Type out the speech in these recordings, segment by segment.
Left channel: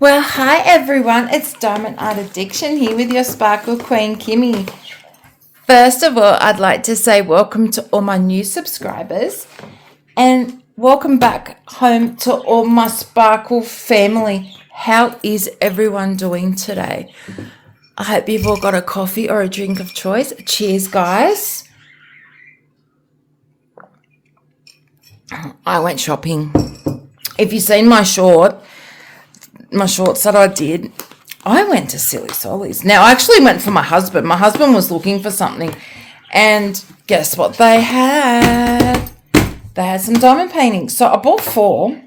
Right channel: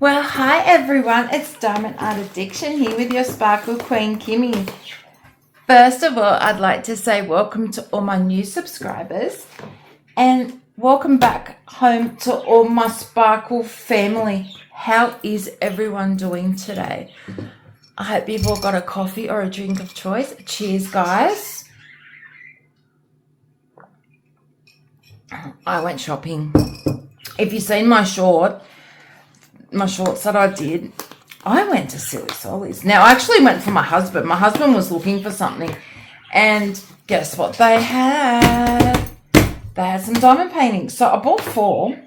Well, hi everyone, it's Diamond Art Addiction here with your Sparkle Queen, Kimmy. First of all, I'd like to say welcome to all my new subscribers and welcome back home to all my Sparkle family. How is everyone doing today? I hope you've all got a coffee or a drink of choice. Cheers, guys. I went shopping. If you've seen my shorts that I did, I went to Silly Solly's. Now, I actually went for my husband. My husband was looking for something, and guess what they had? They had some diamond paintings. So I bought 4.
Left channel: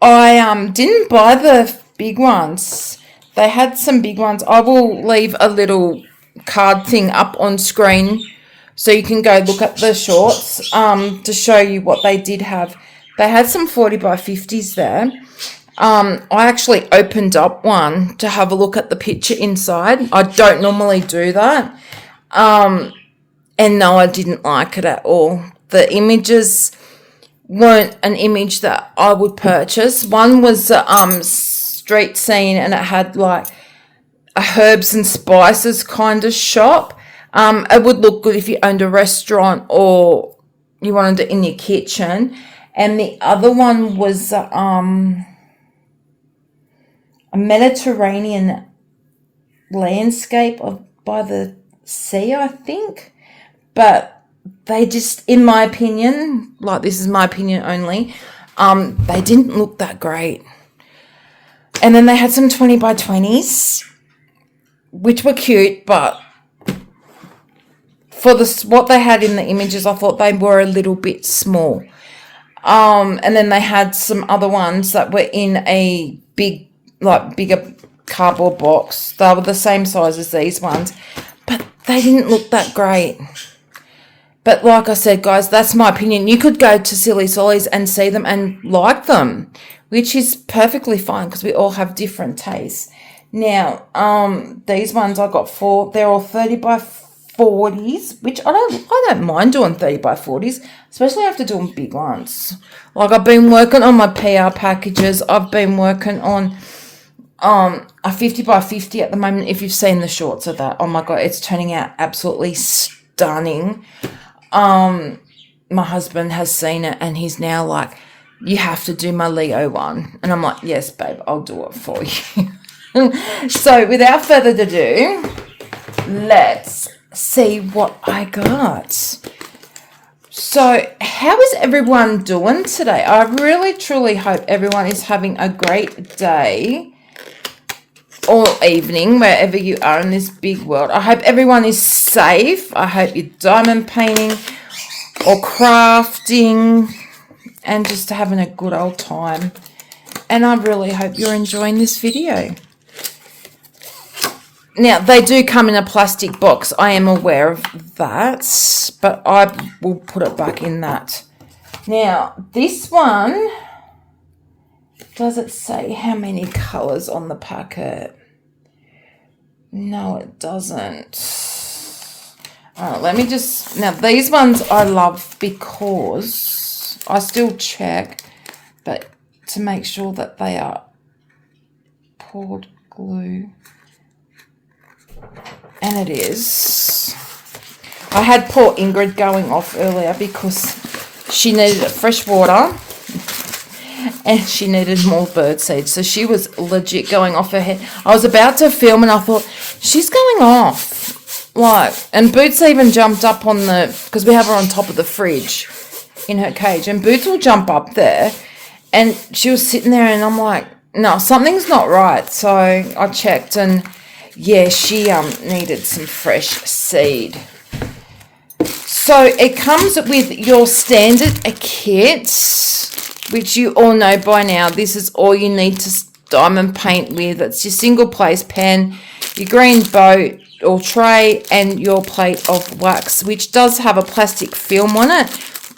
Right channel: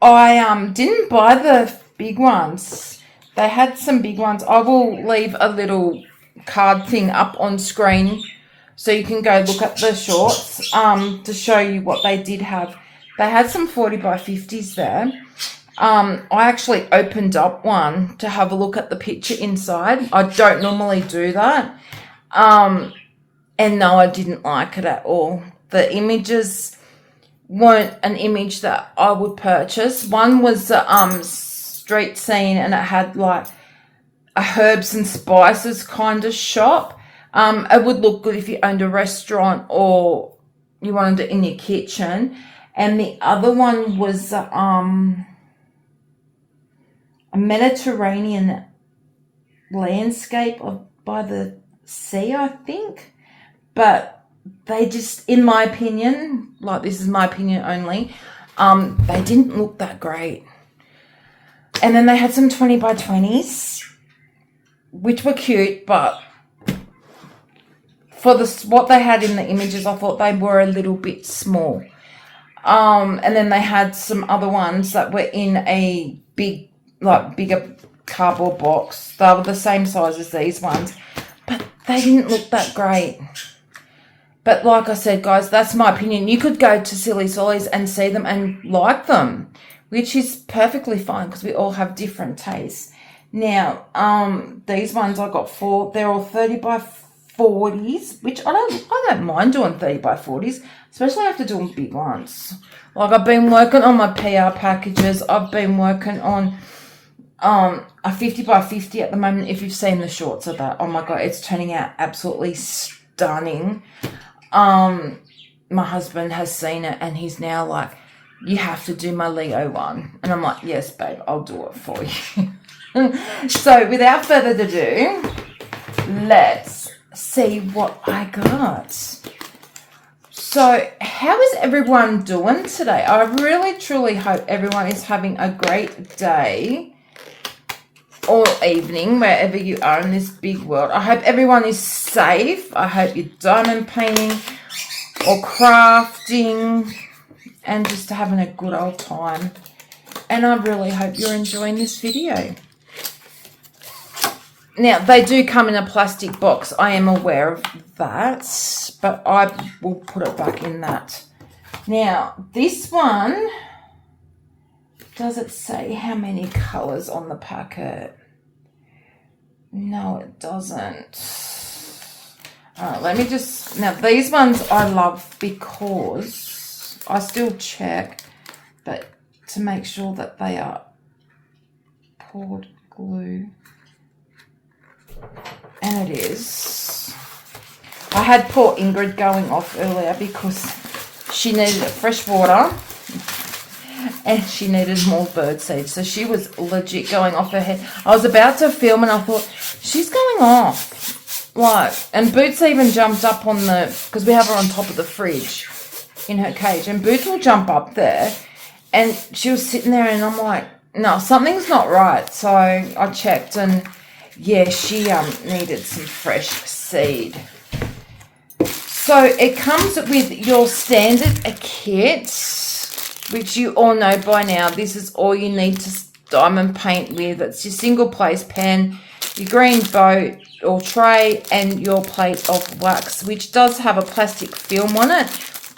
I didn't buy the big ones. They had some big ones. I will leave a little card thing up on screen so you can go look at the shorts to show you what they did have. They had some 40 by 50s there. I actually opened up one to have a look at the picture inside. I don't normally do that. And no, I didn't like it at all. The images weren't an image that I would purchase. One was a street scene, and it had like a herbs and spices kind of shop. It would look good if you owned a restaurant or you wanted it in your kitchen. And the other one was a Mediterranean landscape by the sea, I think. But they just, in my opinion, like this is my opinion only, they didn't look that great. And then they had some 20 by 20s, which were cute, but for what they had in the images, I thought they were a little bit small. And then they had some other ones that were in a bigger cardboard box. They were the same size as these ones, but they didn't look that great. But like I said, guys, that's my opinion. You could go to Silly Solly's and see them and like them, which is perfectly fine because we all have different tastes. Now, these ones I got 4. They're all 30 by 40s, which I don't mind doing 30 by 40s, especially after doing big ones. Like I've been working on my PR packages. I've been working on a 50 by 50 at the moment. If you've seen the shorts of that, oh my god, it's turning out absolutely stunning. My husband has seen it and he's now like, you have to do my Leo one. And I'm like, yes, babe, I'll do it for you. So without further ado, let's see what I got. So how is everyone doing today? I really, truly hope everyone is having a great day or evening, wherever you are in this big world. I hope everyone is safe. I hope you're diamond painting or crafting and just having a good old time. And I really hope you're enjoying this video. Now, they do come in a plastic box. I am aware of that, but I will put it back in that. Now, this one, does it say how many colours on the packet? No, it doesn't. Let me just... Now, these ones I love because I still check, but to make sure that they are poured glue. And it is. I had poor Ingrid going off earlier because she needed fresh water and she needed more bird seed. So she was legit going off her head. I was about to film and I thought, she's going off. Like, and Boots even jumped up on because we have her on top of the fridge in her cage. And Boots will jump up there. And she was sitting there and I'm like, no, something's not right. So I checked and... yeah, she needed some fresh seed. So it comes with your standard kit, which you all know by now. This is all you need to diamond paint with. It's your single place pen, your green boat or tray, and your plate of wax, which does have a plastic film on it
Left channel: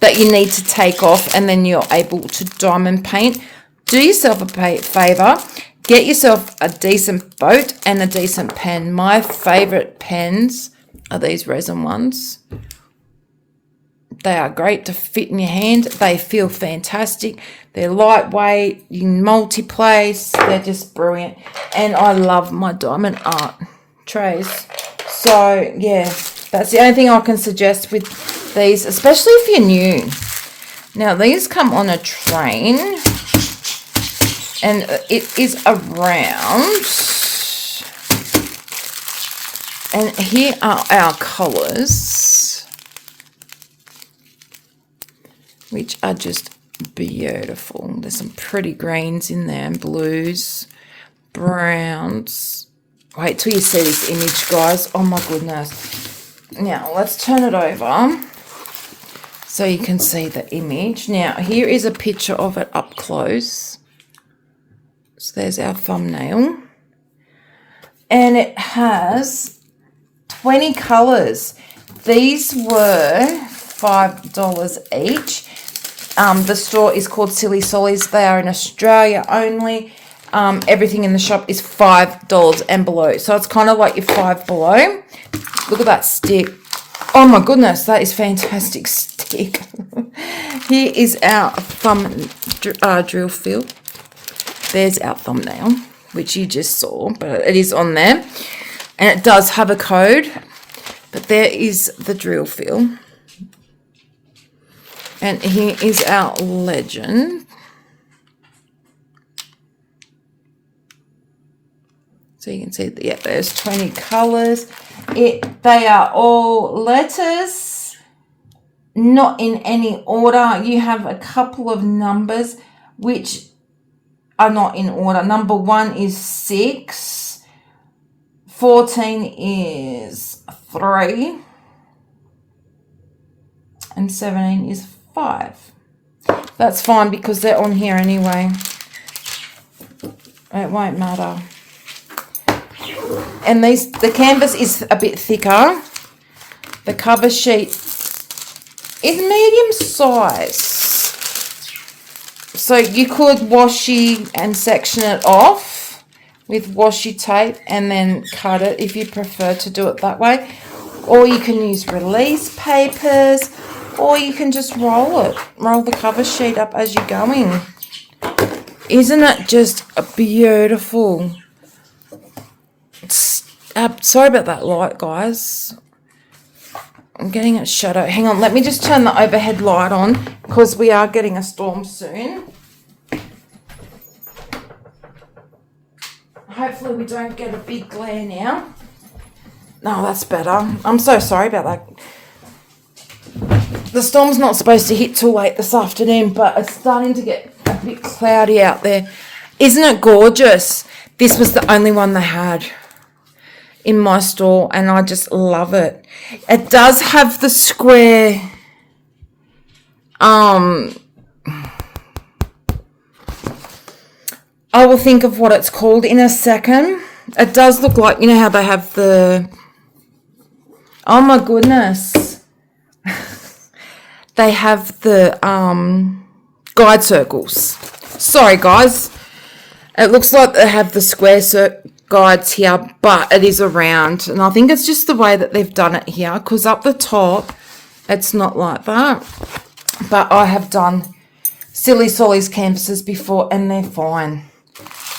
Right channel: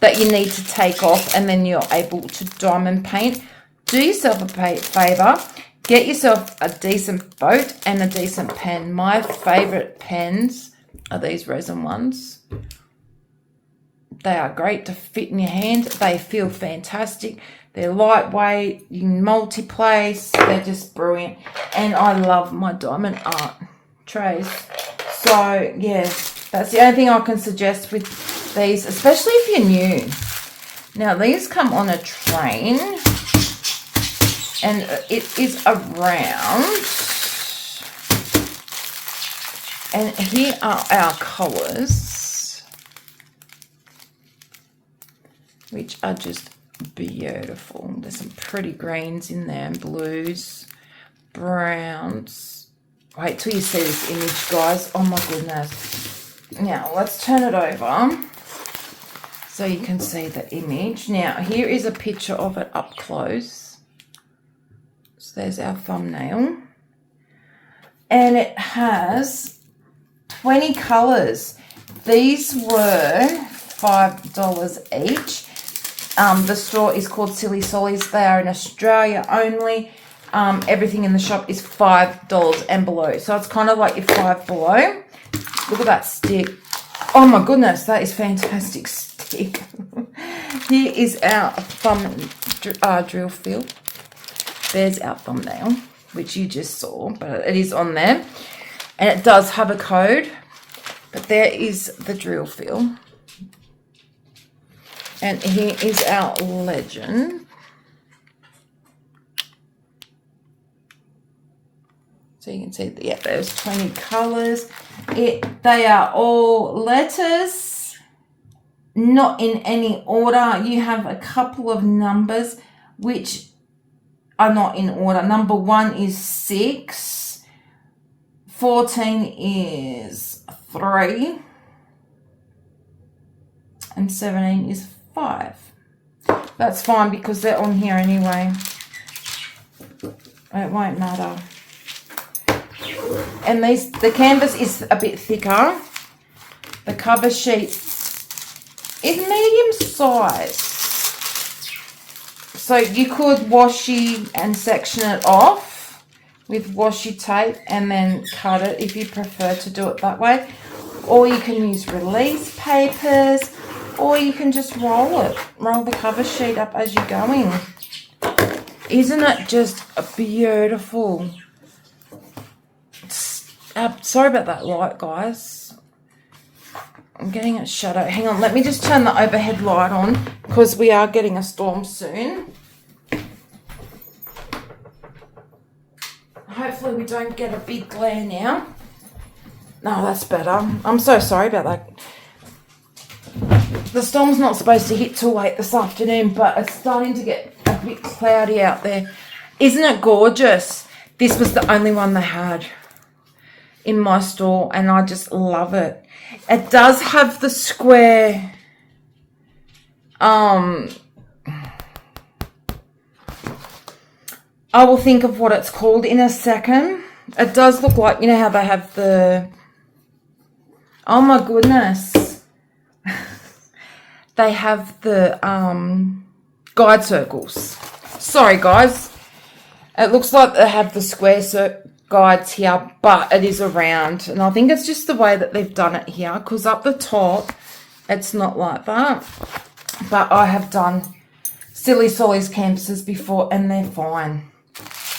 that you need to take off, and then you're able to diamond paint. Do yourself a favour. Get yourself a decent boat and a decent pen. My favourite pens are these resin ones. They are great to fit in your hand. They feel fantastic. They're lightweight. You can multi-place. They're just brilliant. And I love my diamond art trays. So, yeah, that's the only thing I can suggest with these, especially if you're new. Now, these come on a train, and it is around. And here are our colours, which are just beautiful. There's some pretty greens in there, and blues, browns. Wait till you see this image, guys. Oh my goodness. Now, let's turn it over so you can see the image. Now, here is a picture of it up close. So there's our thumbnail. And it has 20 colours. These were $5 each. The store is called Silly Sollies. They are in Australia only. Everything in the shop is $5 and below. So it's kind of like your Five Below. Look at that stick. Oh my goodness, that is fantastic stick. Here is our thumb drill fill. There's our thumbnail, which you just saw, but it is on there. And it does have a code, but there is the drill fill. And here is our legend. So you can see, yeah, there's 20 colours. They are all letters, not in any order. You have a couple of numbers which are not in order. Number 1 is 6. 14 is 3. And 17 is 5. That's fine because they're on here anyway. It won't matter. And the canvas is a bit thicker. The cover sheet is medium size. So you could washi and section it off with washi tape and then cut it if you prefer to do it that way. Or you can use release papers, or you can just roll it. Roll the cover sheet up as you're going. Isn't it just beautiful? Sorry about that light, guys. I'm getting a shadow. Hang on, let me just turn the overhead light on because we are getting a storm soon. Hopefully we don't get a big glare now. No, that's better. I'm so sorry about that. The storm's not supposed to hit till late this afternoon, but it's starting to get a bit cloudy out there. Isn't it gorgeous? This was the only one they had in my store, and I just love it. It does have the square I will think of what it's called in a second. It does look like, you know how they have the, oh my goodness, they have the guide circles. Sorry guys, it looks like they have the square guides here, but it is around, and I think it's just the way that they've done it here, because up the top it's not like that. But I have done Silly Sollies canvases before and they're fine.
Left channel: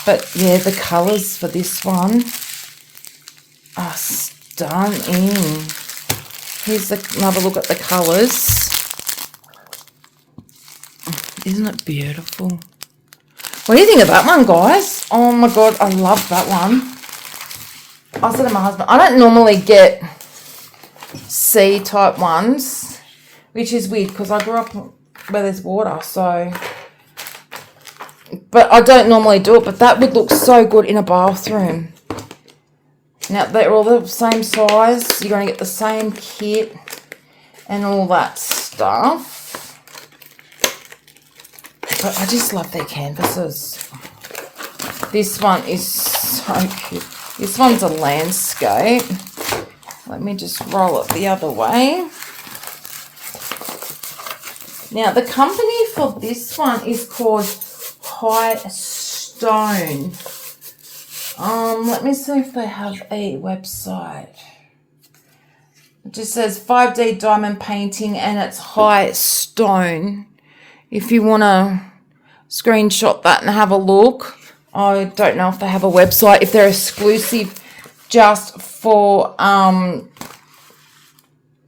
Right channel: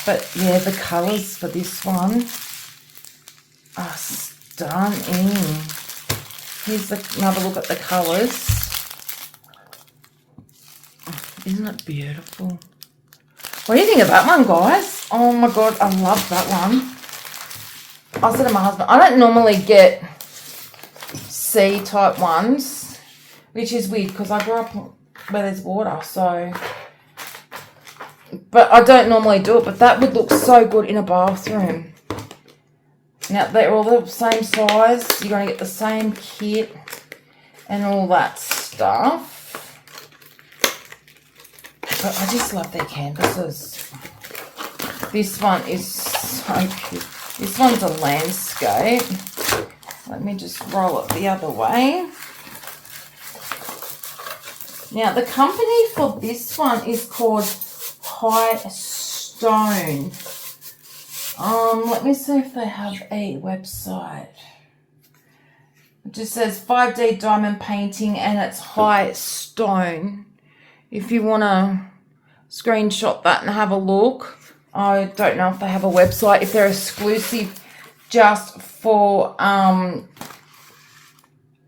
But yeah, the colours for this one are stunning. Here's another look at the colours. Isn't it beautiful? What do you think of that one, guys? Oh my God, I love that one. I said to my husband, I don't normally get C-type ones, which is weird because I grew up where there's water, so. But I don't normally do it, but that would look so good in a bathroom. Now, they're all the same size. You're going to get the same kit and all that stuff. But I just love their canvases. This one is so cute. This one's a landscape. Let me just roll it the other way. Now, the company for this one is called High Stone. Let me see if they have a website. just says 5D diamond painting, and it's high stone. If you want to screenshot that and have a look. I don't know if they have a website, if they're exclusive just for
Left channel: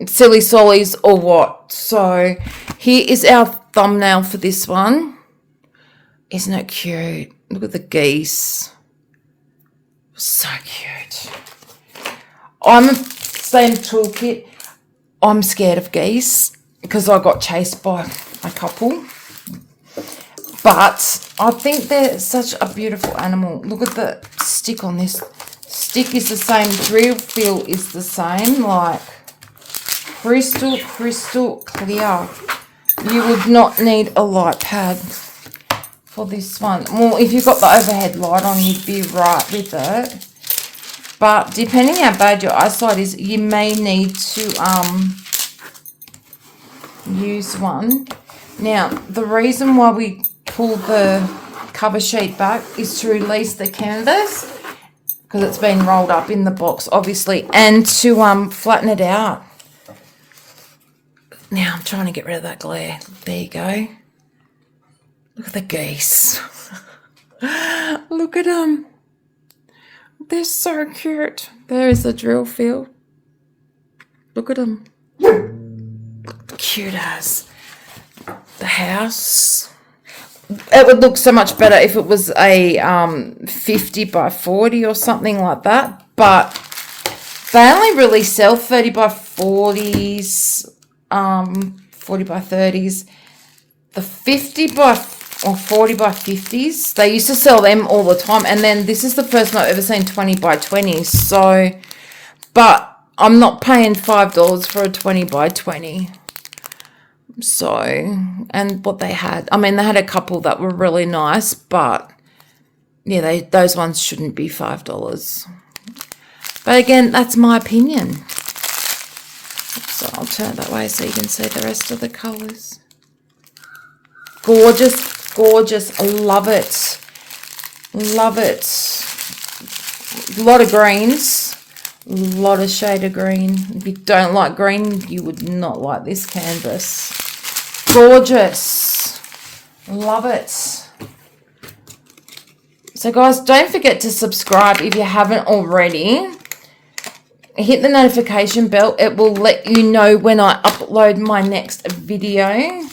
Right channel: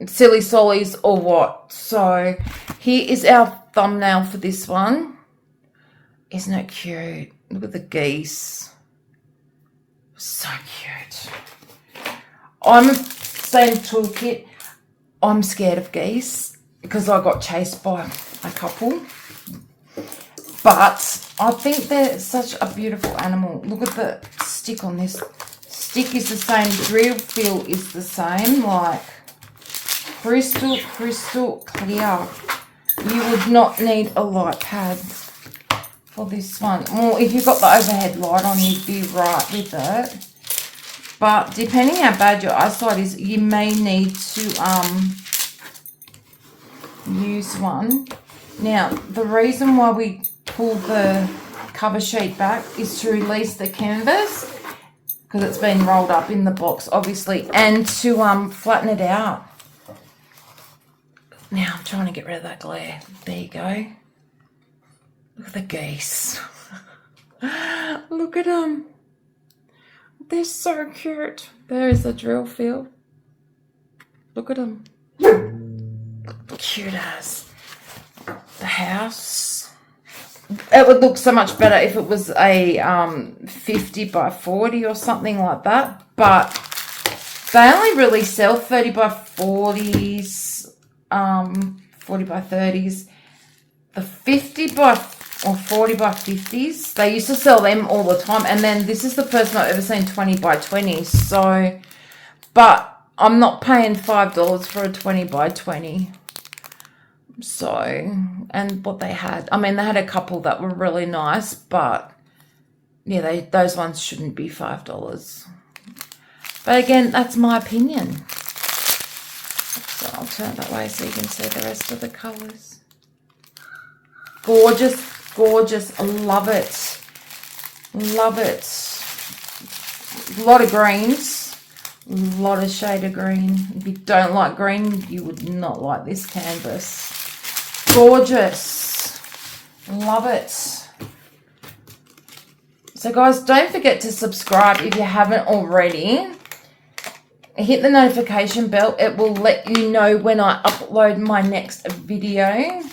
Silly Sollies or what. So here is our thumbnail for this one. Isn't it cute? Look at the geese. So cute. I'm same toolkit. I'm scared of geese because I got chased by a couple. But I think they're such a beautiful animal. Look at the stick on this. Stick is the same. Drill feel is the same. Like crystal clear. You would not need a light pad for this one. Well, if you've got the overhead light on, you'd be right with it. But depending how bad your eyesight is, you may need to use one. Now, the reason why we pull the cover sheet back is to release the canvas because it's been rolled up in the box, obviously, and to flatten it out. Now, I'm trying to get rid of that glare. There you go. Look at the geese. Look at them. They're so cute. There's the drill field. Look at them. Cute as. The house. It would look so much better if it was a 50 by 40 or something like that. But they only really sell 30 by 40s, 40 by 30s. The 50 by or 40 by 50s, they used to sell them all the time. And then this is the first time I've ever seen 20 by 20s. So, but I'm not paying $5 for a 20 by 20. So, and what they had, I mean, they had a couple that were really nice, but yeah, those ones shouldn't be $5. But again, that's my opinion. So I'll turn it that way so you can see the rest of the colours. Gorgeous, gorgeous. I love it. Love it. A lot of greens. A lot of shade of green. If you don't like green, you would not like this canvas. Gorgeous. Love it. So guys, don't forget to subscribe if you haven't already. Hit the notification bell. It will let you know when I upload my next video.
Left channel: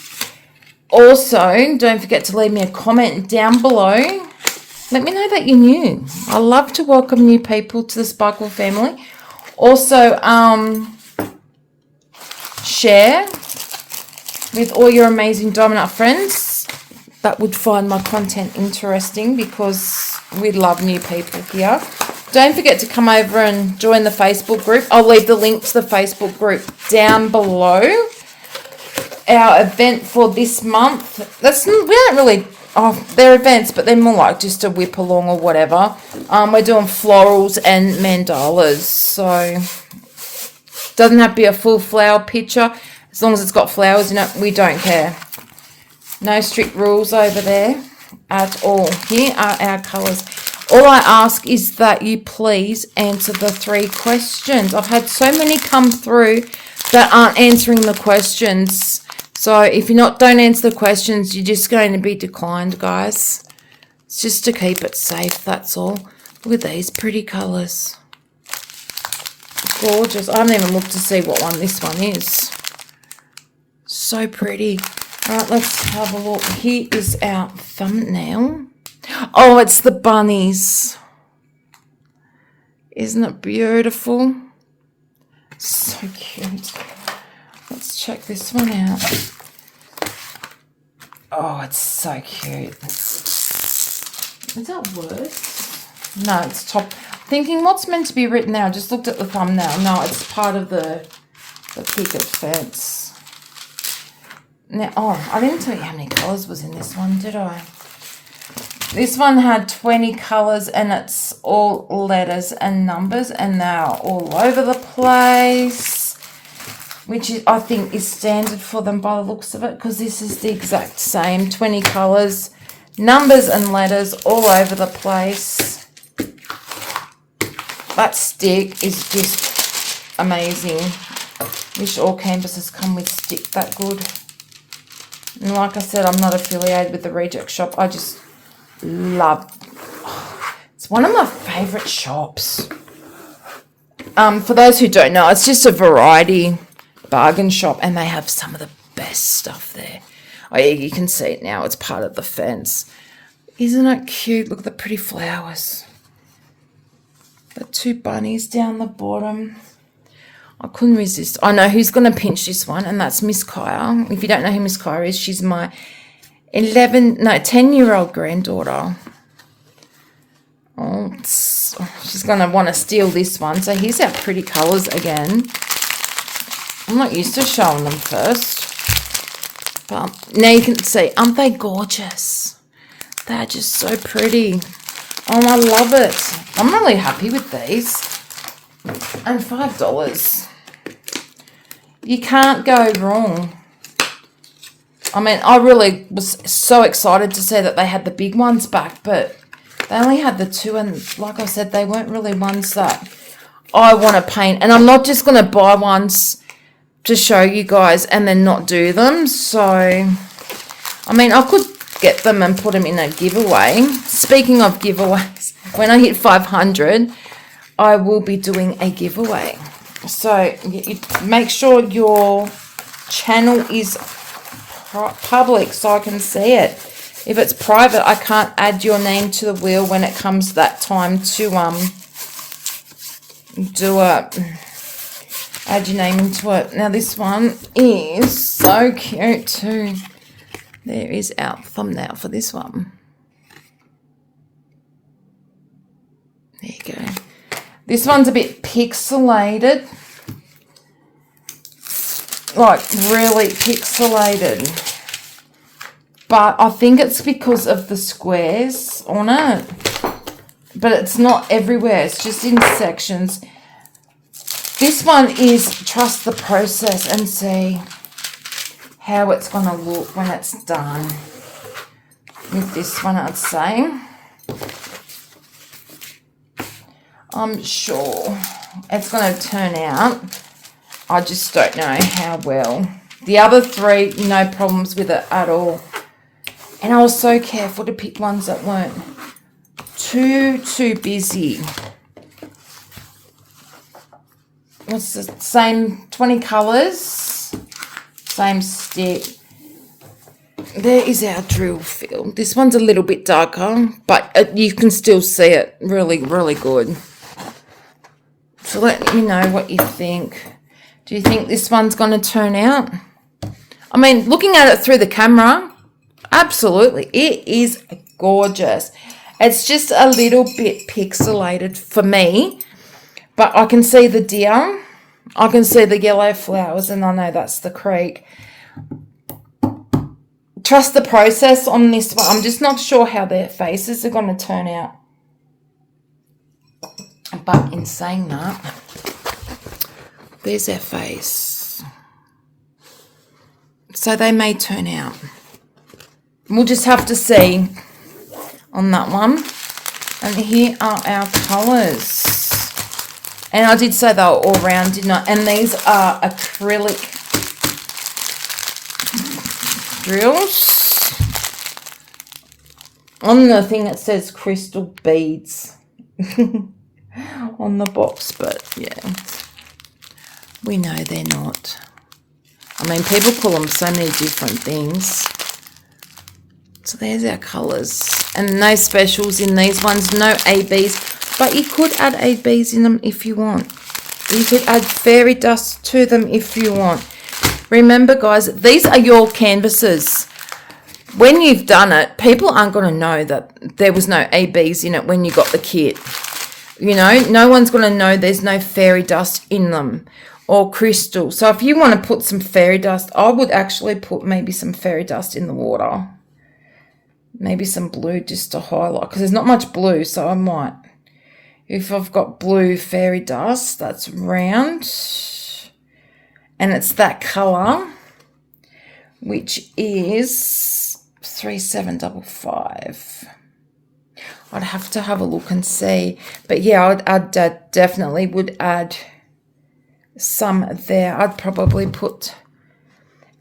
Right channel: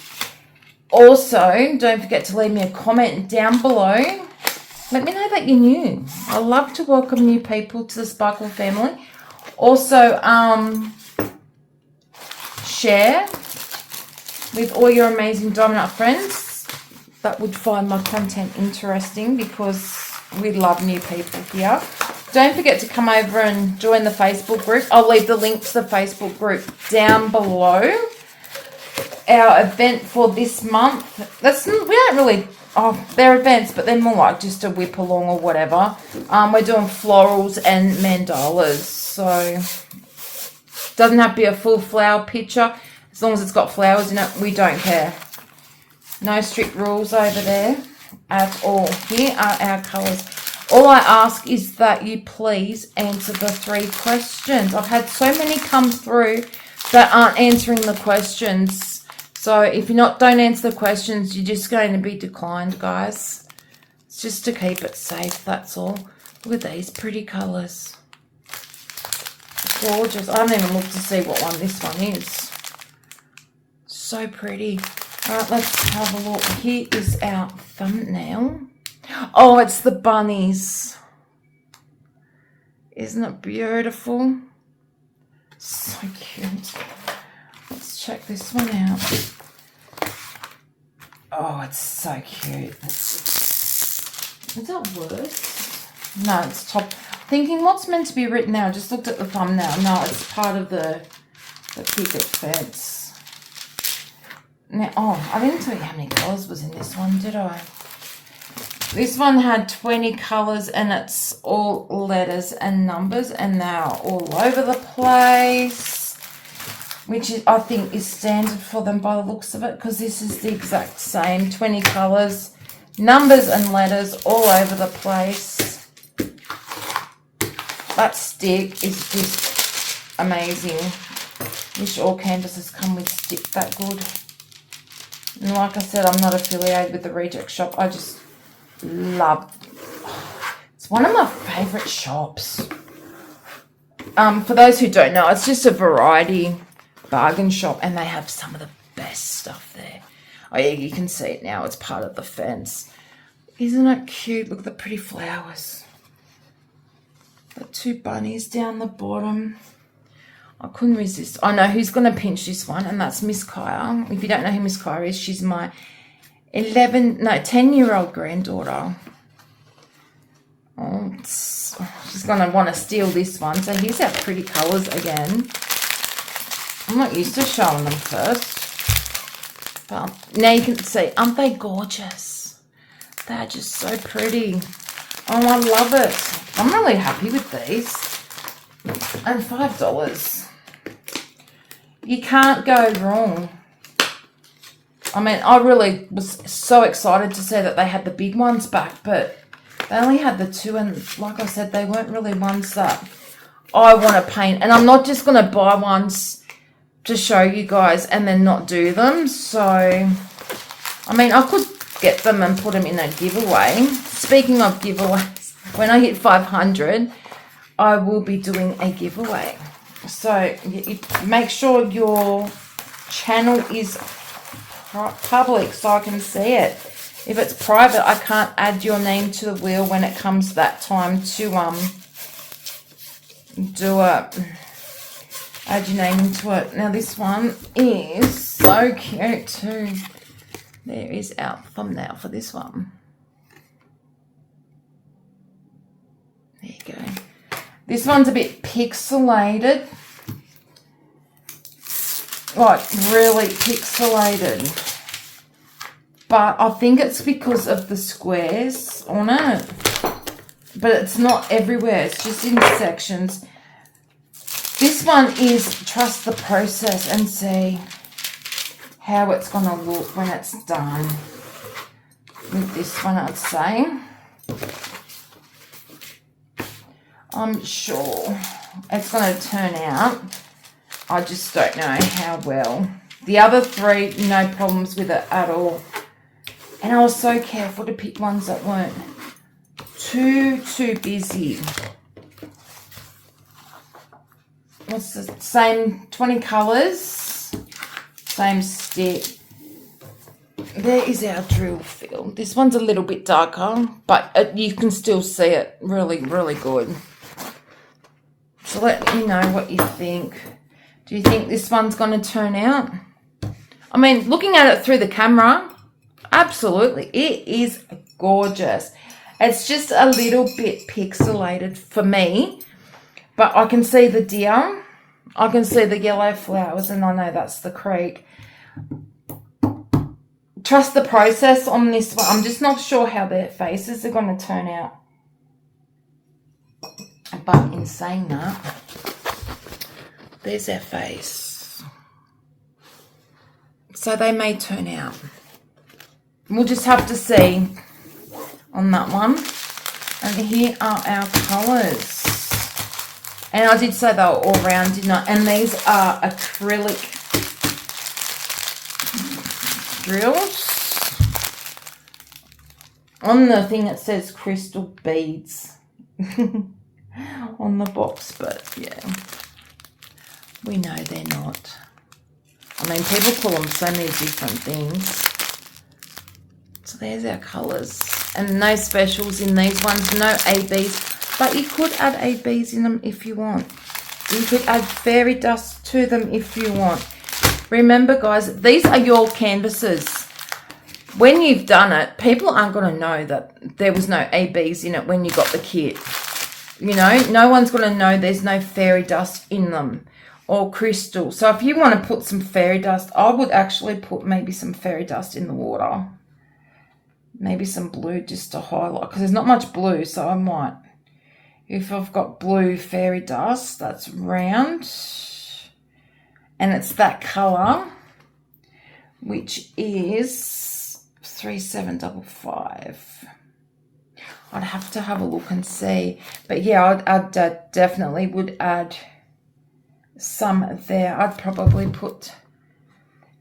Also, don't forget to leave me a comment down below. Let me know that you're new. I love to welcome new people to the Sparkle family. Also, share with all your amazing Diamond Art friends that would find my content interesting, because we love new people here. Don't forget to come over and join the Facebook group. I'll leave the link to the Facebook group down below. Our event for this month, we don't really, they're events, but they're more like just a whip along or whatever. We're doing florals and mandalas, so doesn't have to be a full flower picture. As long as it's got flowers in it, we don't care. No strict rules over there at all. Here are our colours. All I ask is that you please answer the 3 questions. I've had so many come through that aren't answering the questions. So if you don't answer the questions, you're just going to be declined, guys. It's just to keep it safe, that's all. Look at these pretty colours. Gorgeous. I haven't even looked to see what one this one is. So pretty. Right, let's have a look. Here is our thumbnail. Oh, it's the bunnies. Isn't it beautiful? So cute. Let's check this one out. Oh, it's so cute. Is that worse? No, it's top. Thinking what's meant to be written there. I just looked at the thumbnail. No, it's part of the picket fence. Now, oh, I didn't tell you how many colours was in this one, did I? This one had 20 colours, and it's all letters and numbers, and they're all over the place, which is, I think, is standard for them by the looks of it, because this is the exact same. 20 colours, numbers and letters all over the place. That stick is just amazing. Wish all canvases come with stick that good. And like I said, I'm not affiliated with the Reject Shop. I just love, it's one of my favourite shops. For those who don't know, it's just a variety bargain shop, and they have some of the best stuff there. Oh yeah, you can see it now. It's part of the fence. Isn't it cute? Look at the pretty flowers. The two bunnies down the bottom. I couldn't resist. I know who's going to pinch this one, and that's Miss Kaya. If you don't know who Miss Kaya is, she's my 10-year-old granddaughter. Oh, she's going to want to steal this one. So here's our pretty colours again. I'm not used to showing them first. But now you can see, aren't they gorgeous? They're just so pretty. Oh, I love it. I'm really happy with these. And $5. You can't go wrong. I mean, I really was so excited to see that they had the big ones back, but they only had the two, and like I said, they weren't really ones that I want to paint. And I'm not just going to buy ones to show you guys and then not do them. So, I mean, I could get them and put them in a giveaway. Speaking of giveaways, when I hit 500, I will be doing a giveaway. So you make sure your channel is public so I can see it. If it's private, I can't add your name to the wheel when it comes that time to add your name into it. Now this one is so cute too. There is our thumbnail for this one. There you go. This one's a bit pixelated. Like, really pixelated. But I think it's because of the squares on it. But it's not everywhere. It's just in sections. This one is trust the process and see how it's going to look when it's done. With this one, I'd say. I'm sure it's going to turn out. I just don't know how well. The other three, no problems with it at all. And I was so careful to pick ones that weren't too busy. It's the same 20 colours, same stick. There is our drill field. This one's a little bit darker, but you can still see it really, really good. So let me know what you think. Do you think this one's going to turn out? I mean, looking at it through the camera, absolutely. It is gorgeous. It's just a little bit pixelated for me, but I can see the deer. I can see the yellow flowers, and I know that's the creek. Trust the process on this one. I'm just not sure how their faces are going to turn out. But in saying that, there's their face. So they may turn out. We'll just have to see on that one. And here are our colours. And I did say they were all round, didn't I? And these are acrylic drills. On the thing it says crystal beads on the box, but yeah, we know they're not. I mean, people call them so many different things. So there's our colours. And no specials in these ones, no ABs. But you could add ABs in them if you want. You could add fairy dust to them if you want. Remember, guys, these are your canvases. When you've done it, people aren't going to know that there was no ABs in it when you got the kit. You know, no one's going to know there's no fairy dust in them or crystal. So if you want to put some fairy dust, I would actually put maybe some fairy dust in the water. Maybe some blue just to highlight, because there's not much blue, so I might. If I've got blue fairy dust, that's round. And it's that colour, which is 3755. I'd have to have a look and see. But yeah, I'd definitely would add some there. I'd probably put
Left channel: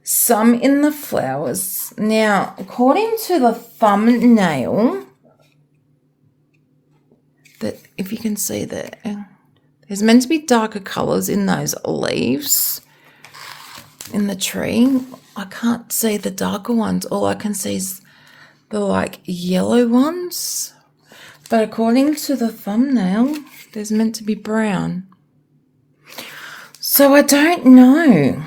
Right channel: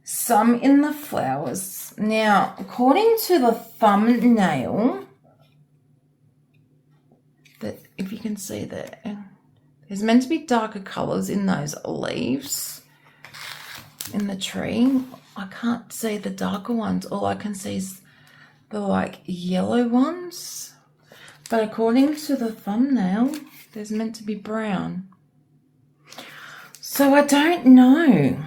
some in the flowers. Now, according to the thumbnail, that if you can see there, there's meant to be darker colours in those leaves in the tree. I can't see the darker ones. All I can see is the like yellow ones. But according to the thumbnail, there's meant to be brown. So I don't know.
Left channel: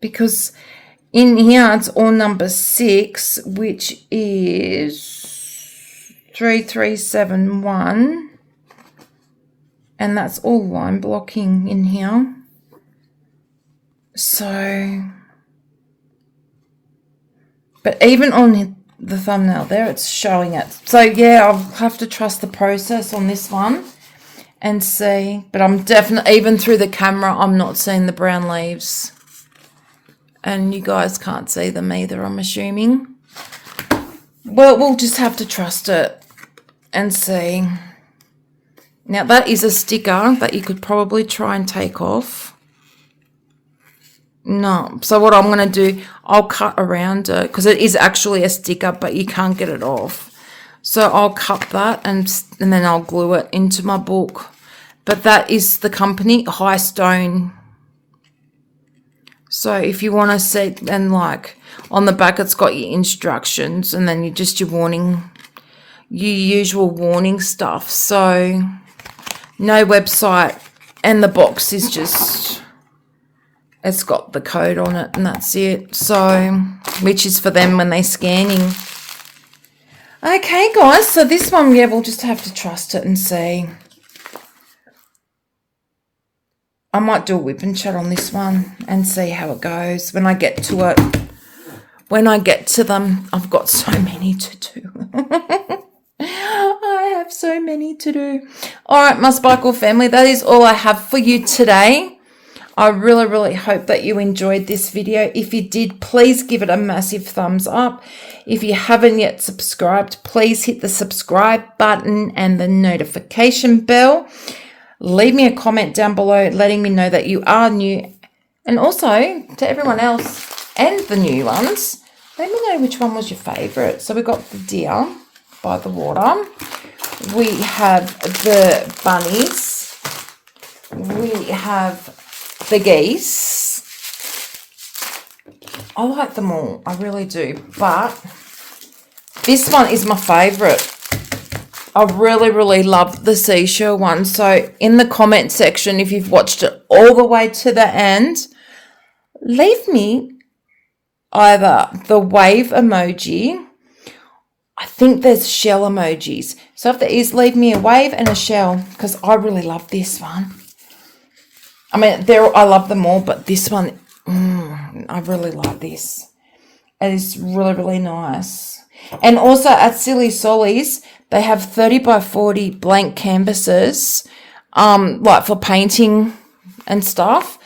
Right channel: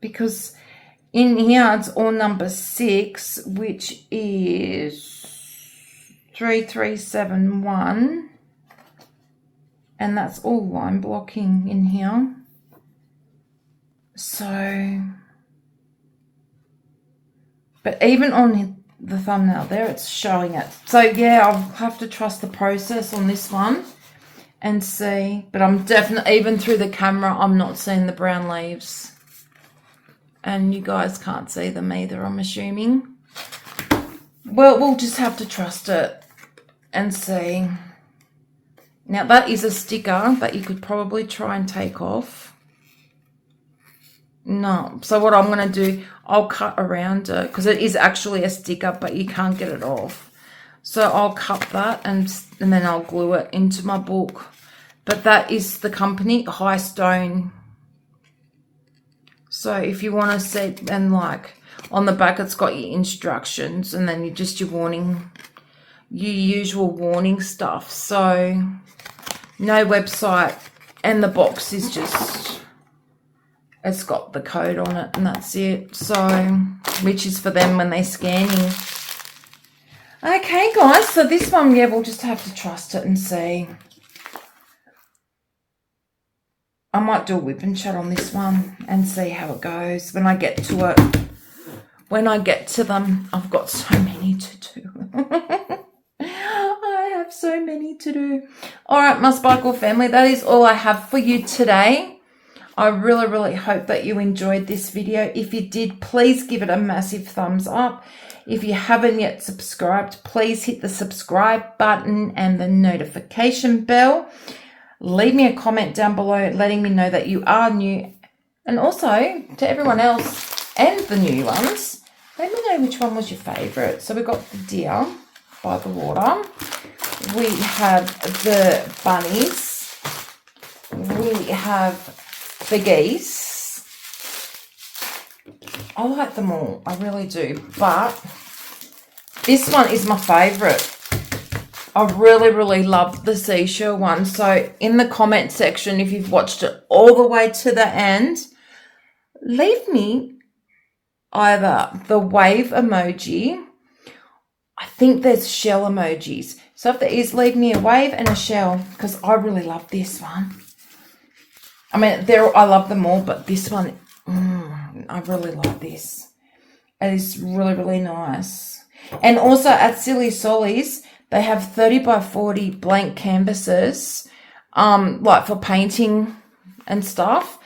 Because in here it's all number 6, which is 3371. And that's all line blocking in here. So, but even on the thumbnail there, it's showing it. So yeah, I'll have to trust the process on this one and see. But I'm definitely, even through the camera, I'm not seeing the brown leaves. And you guys can't see them either, I'm assuming. Well, we'll just have to trust it and see. Now, that is a sticker that you could probably try and take off. No. So what I'm going to do, I'll cut around it because it is actually a sticker, but you can't get it off. So I'll cut that and then I'll glue it into my book. But that is the company, High Stone. So if you want to see, and like on the back, it's got your instructions and then your warning, your usual warning stuff. So no website, and the box is just, it's got the code on it and that's it. So, which is for them when they're scanning. Okay, guys, so this one, yeah, we'll just have to trust it and see. I might do a whip and chat on this one and see how it goes when I get to it. When I get to them, I've got so many to do. I have so many to do. All right, my Sparkle family, that is all I have for you today. I really, really hope that you enjoyed this video. If you did, please give it a massive thumbs up. If you haven't yet subscribed, please hit the subscribe button and the notification bell. Leave me a comment down below letting me know that you are new. And also, to everyone else and the new ones, let me know which one was your favourite. So we've got the deer by the water. We have the bunnies. We have the geese. I like them all. I really do. But this one is my favourite. I really, really love the seashell one. So in the comment section, if you've watched it all the way to the end, leave me either the wave emoji. I think there's shell emojis. So if there is, leave me a wave and a shell because I really love this one. I mean, I love them all, but this one, I really like this. It is really, really nice. And also at Silly Solly's, they have 30 by 40 blank canvases, like for painting and stuff.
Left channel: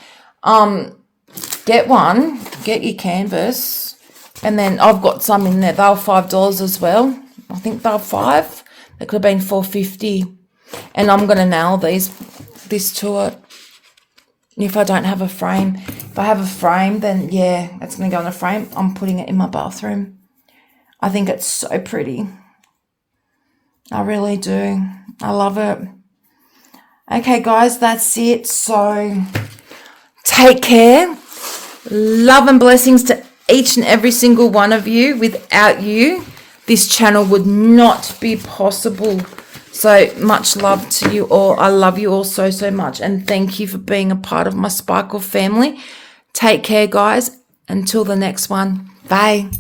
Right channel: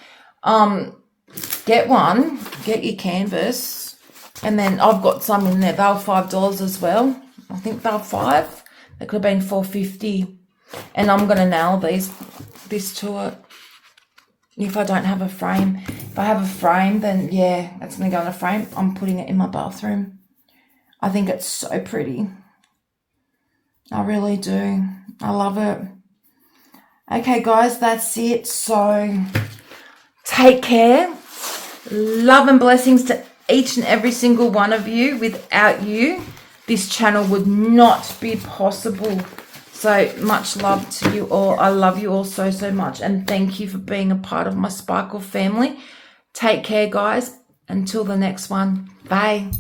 Get one, get your canvas, and then I've got some in there. They were $5 as well. I think they were $5. They could have been $4.50. And I'm going to nail this to it. If I don't have a frame. If I have a frame, then yeah, it's going to go in a frame. I'm putting it in my bathroom. I think it's so pretty. I really do. I love it. Okay, guys, that's it. So take care. Love and blessings to each and every single one of you. Without you, this channel would not be possible. So much love to you all. I love you all so, so much. And thank you for being a part of my Sparkle family. Take care, guys. Until the next one. Bye.